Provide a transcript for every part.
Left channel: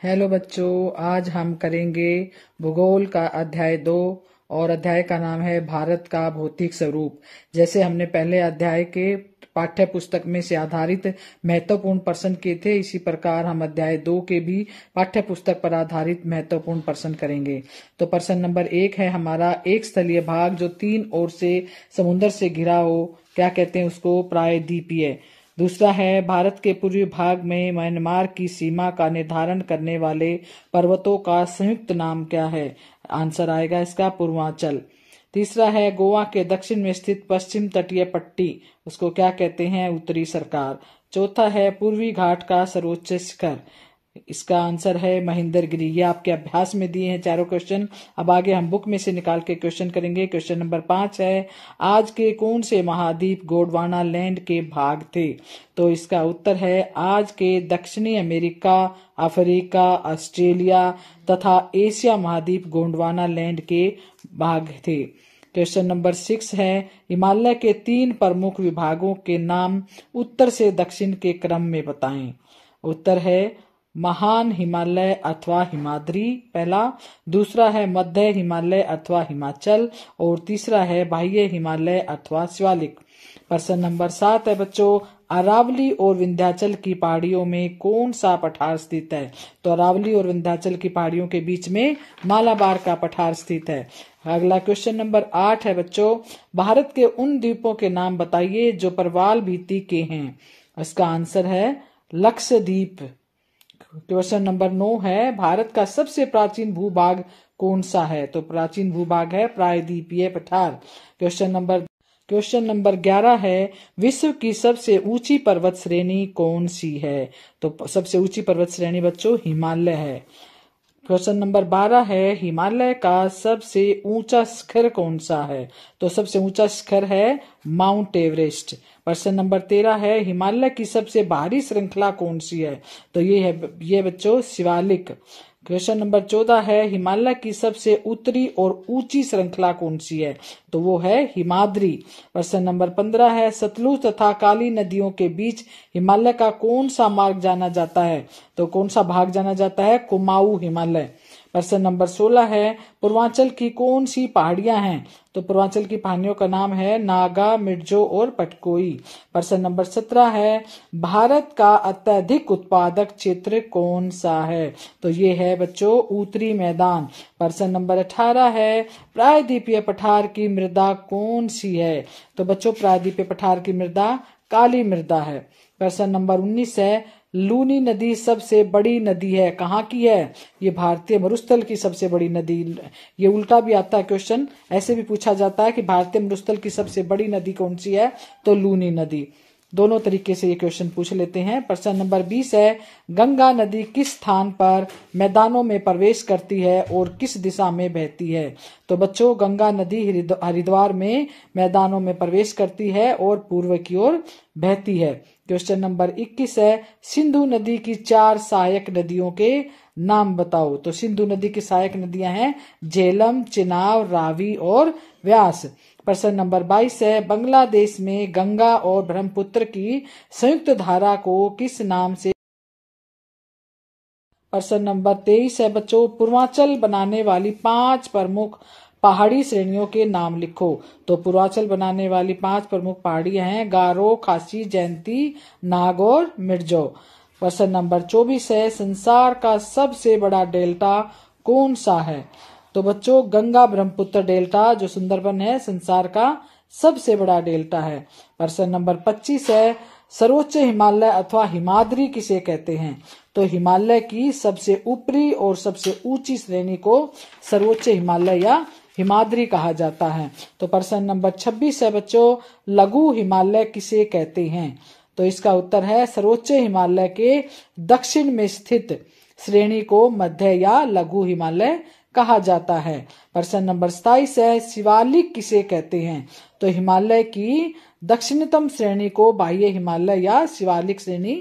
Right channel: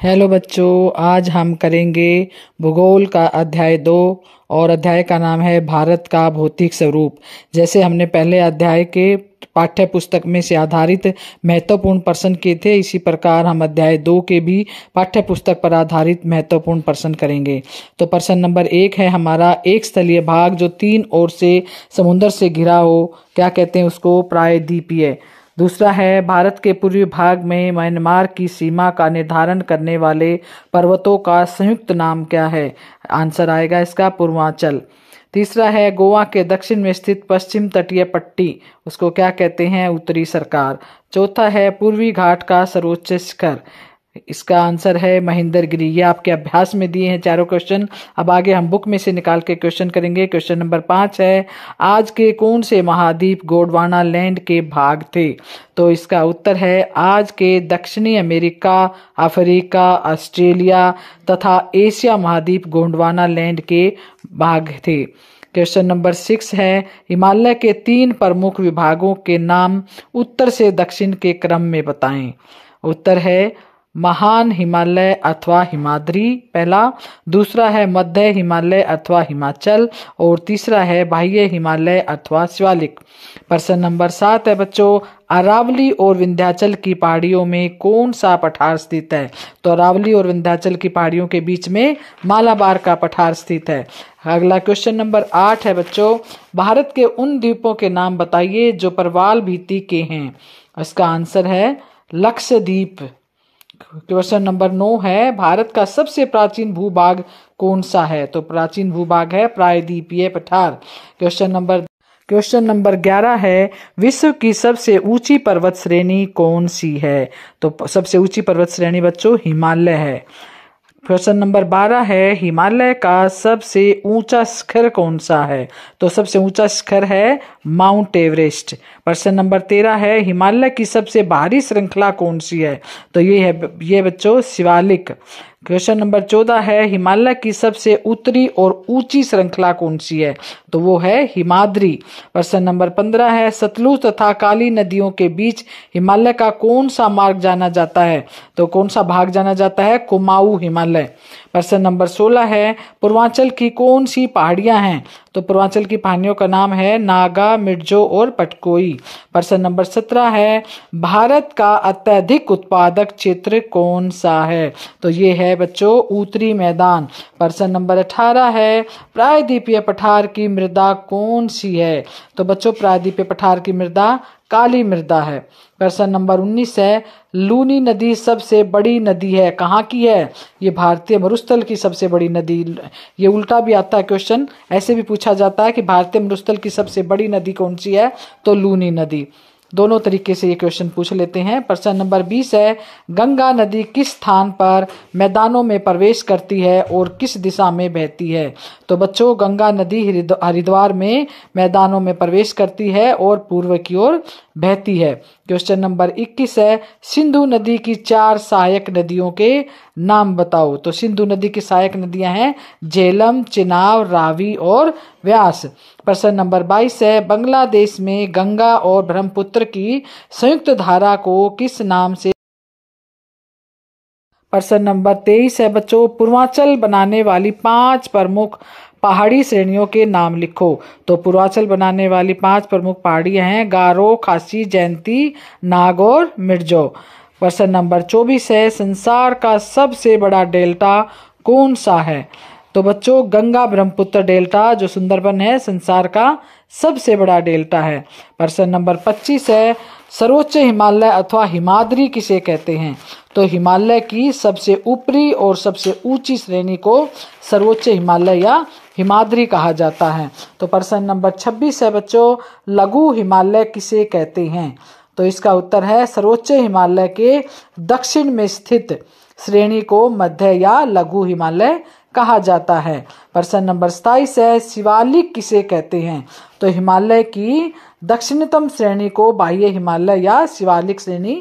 Hello बच्चों, आज हम करेंगे भूगोल का अध्याय 2 और अध्याय का नाम है भारत का भौतिक स्वरूप। जैसे हमने पहले अध्याय के पाठ्य पुस्तक में से आधारित महत्वपूर्ण प्रश्न किए थे, इसी प्रकार हम अध्याय 2 के भी पाठ्य पुस्तक पर आधारित महत्वपूर्ण प्रश्न करेंगे। तो प्रश्न नंबर 1 है हमारा, एक स्थलीय भाग जो 3 ओर से समुद्र से घिरा हो, क्या कहते हैं उसको? प्रायद्वीपीय। दूसरा है, भारत के पूर्वी भाग में म्यांमार की सीमा का निर्धारण करने वाले पर्वतों का संयुक्त नाम क्या है? आंसर आएगा इसका पूर्वांचल। तीसरा है, गोवा के दक्षिण में स्थित पश्चिम तटीय पट्टी, उसको क्या कहते हैं? उत्तरी सरकार। चौथा है, पूर्वी घाट का सर्वोच्च शिखर, इसका आंसर है महेंद्रगिरी। ये आपके अभ्यास में दिए हैं चारों क्वेश्चन। अब आगे हम बुक में से निकाल के क्वेश्चन करेंगे। क्वेश्चन नंबर 5 है, आज के कौन से महाद्वीप गोंडवाना लैंड के भाग थे? तो इसका उत्तर है, आज के दक्षिणी अमेरिका, अफ्रीका, ऑस्ट्रेलिया तथा एशिया महाद्वीप गोंडवाना लैंड के भाग थे। क्वेश्चन नंबर 6 है, हिमालय के 3 प्रमुख विभागों के नाम उत्तर से दक्षिण के क्रम में बताएं। उत्तर है, महान हिमालय अथवा हिमाद्री पहला, दूसरा है मध्य हिमालय अथवा हिमाचल, और तीसरा है बाह्य हिमालय अथवा शिवालिक। प्रश्न नंबर 7 है बच्चों, अरावली और विंध्याचल की पहाड़ियों में कौन सा पठार स्थित है? तो अरावली और विंध्याचल की पहाड़ियों के बीच में मालाबार का पठार स्थित है। अगला क्वेश्चन नंबर 8 है बच्चों, भारत के उन द्वीपों के नाम बताइए जो प्रवाल भित्ति के हैं। इसका आंसर है लक्षद्वीप। क्वेश्चन नंबर 9 है, भारत का सबसे प्राचीन भूभाग कौन सा है? तो प्राचीन भूभाग है प्रायद्वीपीय पठार। क्वेश्चन नंबर 11 है, विश्व की सबसे ऊंची पर्वत श्रेणी कौन सी है? तो सबसे ऊंची पर्वत श्रेणी बच्चों हिमालय है। क्वेश्चन नंबर 12 है, हिमालय का सबसे ऊंचा शिखर कौन सा है? तो सबसे ऊंचा शिखर है माउंट एवरेस्ट। प्रश्न नंबर 13 है, हिमालय की सबसे भारी श्रृंखला कौन सी है? तो ये बच्चों शिवालिक। क्वेश्चन नंबर 14 है, हिमालय की सबसे उत्तरी और ऊंची श्रृंखला कौन सी है? तो वो है हिमाद्री। प्रश्न नंबर 15 है, सतलुज तथा काली नदियों के बीच हिमालय का कौन सा मार्ग जाना जाता है? तो कौन सा भाग जाना जाता है? कुमाऊं हिमालय। प्रश्न नंबर 16 है, पूर्वांचल की कौन सी पहाड़ियां हैं? तो पूर्वांचल की पहाड़ियों का नाम है नागा, मिर्जो और पटकोई। प्रश्न नंबर 17 है, भारत का अत्यधिक उत्पादक क्षेत्र कौन सा है? तो ये है बच्चों उत्तरी मैदान। प्रश्न नंबर 18 है, प्रायद्वीपीय पठार की मृदा कौन सी है? तो बच्चों प्रायद्वीपीय पठार की मृदा काली मृदा है। प्रश्न नंबर 19 है, लूनी नदी सबसे बड़ी नदी है, कहाँ की है? ये भारतीय मरुस्थल की सबसे बड़ी नदी। ये उल्टा भी आता है क्वेश्चन, ऐसे भी पूछा जाता है कि भारतीय मरुस्थल की सबसे बड़ी नदी कौन सी है? तो लूनी नदी। दोनों तरीके से ये क्वेश्चन पूछ लेते हैं। प्रश्न नंबर 20 है, गंगा नदी किस स्थान पर मैदानों में प्रवेश करती है और किस दिशा में बहती है? तो बच्चों गंगा नदी हरिद्वार में मैदानों में प्रवेश करती है और पूर्व की ओर बहती है। क्वेश्चन नंबर 21 है, सिंधु नदी की 4 सहायक नदियों के नाम बताओ। तो सिंधु नदी की सहायक नदियां हैं झेलम, चिनाब, रावी और व्यास। प्रश्न नंबर 22 है, बांग्लादेश में गंगा और ब्रह्मपुत्र की संयुक्त धारा को किस नाम से? प्रश्न नंबर 23 है बच्चों, पूर्वांचल बनाने वाली 5 प्रमुख पहाड़ी श्रेणियों के नाम लिखो। तो पूर्वांचल बनाने वाली 5 प्रमुख पहाड़ियां हैं गारो, खासी, जयंती, नागौर, मिर्जो। प्रश्न नंबर 24 है, संसार का सबसे बड़ा डेल्टा कौन सा है? तो बच्चों गंगा ब्रह्मपुत्र डेल्टा जो सुंदरबन है संसार का सबसे बड़ा डेल्टा है। प्रश्न नंबर 25 है, सर्वोच्च हिमालय अथवा हिमाद्री किसे कहते हैं? तो हिमालय की सबसे ऊपरी और सबसे ऊंची श्रेणी को सर्वोच्च हिमालय या हिमाद्री कहा जाता है। तो प्रश्न नंबर 26 है बच्चों, लघु हिमालय किसे कहते हैं? तो इसका उत्तर है, सर्वोच्च हिमालय के दक्षिण में स्थित श्रेणी को मध्य या लघु हिमालय कहा जाता है। प्रश्न नंबर 27 है, शिवालिक किसे कहते हैं? तो हिमालय की दक्षिणतम श्रेणी को बाह्य हिमालय या शिवालिक श्रेणी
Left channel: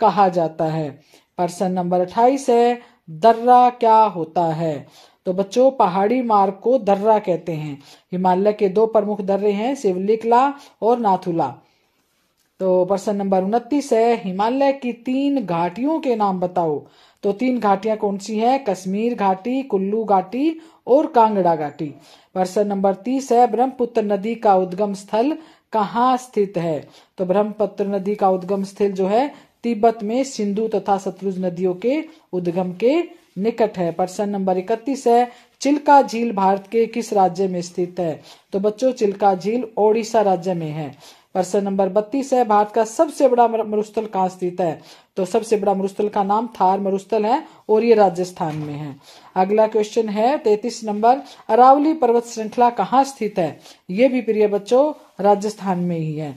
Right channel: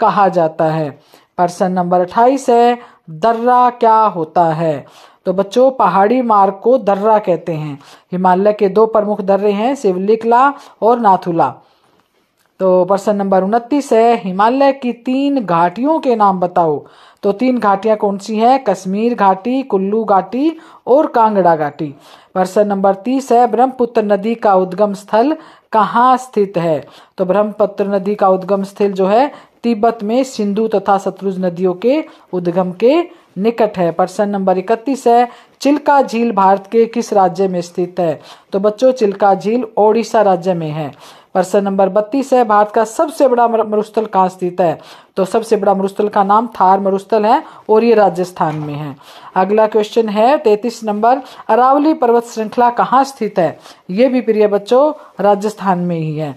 कहा जाता है। प्रश्न नंबर 28 है, दर्रा क्या होता है? तो बच्चों पहाड़ी मार्ग को दर्रा कहते हैं। हिमालय के 2 प्रमुख दर्रे हैं, सिवलिकला और नाथुला। तो प्रश्न नंबर 29 है, हिमालय की 3 घाटियों के नाम बताओ। तो 3 घाटियां कौन सी है? कश्मीर घाटी, कुल्लू घाटी और कांगड़ा घाटी। प्रश्न नंबर 30 है, ब्रह्मपुत्र नदी का उद्गम स्थल कहाँ स्थित है? तो ब्रह्मपुत्र नदी का उद्गम स्थल जो है तिब्बत में सिंधु तथा सतलुज नदियों के उद्गम के निकट है। प्रश्न नंबर 31 है, चिल्का झील भारत के किस राज्य में स्थित है? तो बच्चों चिल्का झील ओडिशा राज्य में है। प्रश्न नंबर 32 है, भारत का सबसे बड़ा मरुस्थल कहाँ स्थित है? तो सबसे बड़ा मरुस्थल का नाम थार मरुस्थल है और ये राजस्थान में है। अगला क्वेश्चन है 33 नंबर, अरावली पर्वत श्रृंखला कहाँ स्थित है? ये भी प्रिय बच्चों राजस्थान में ही है।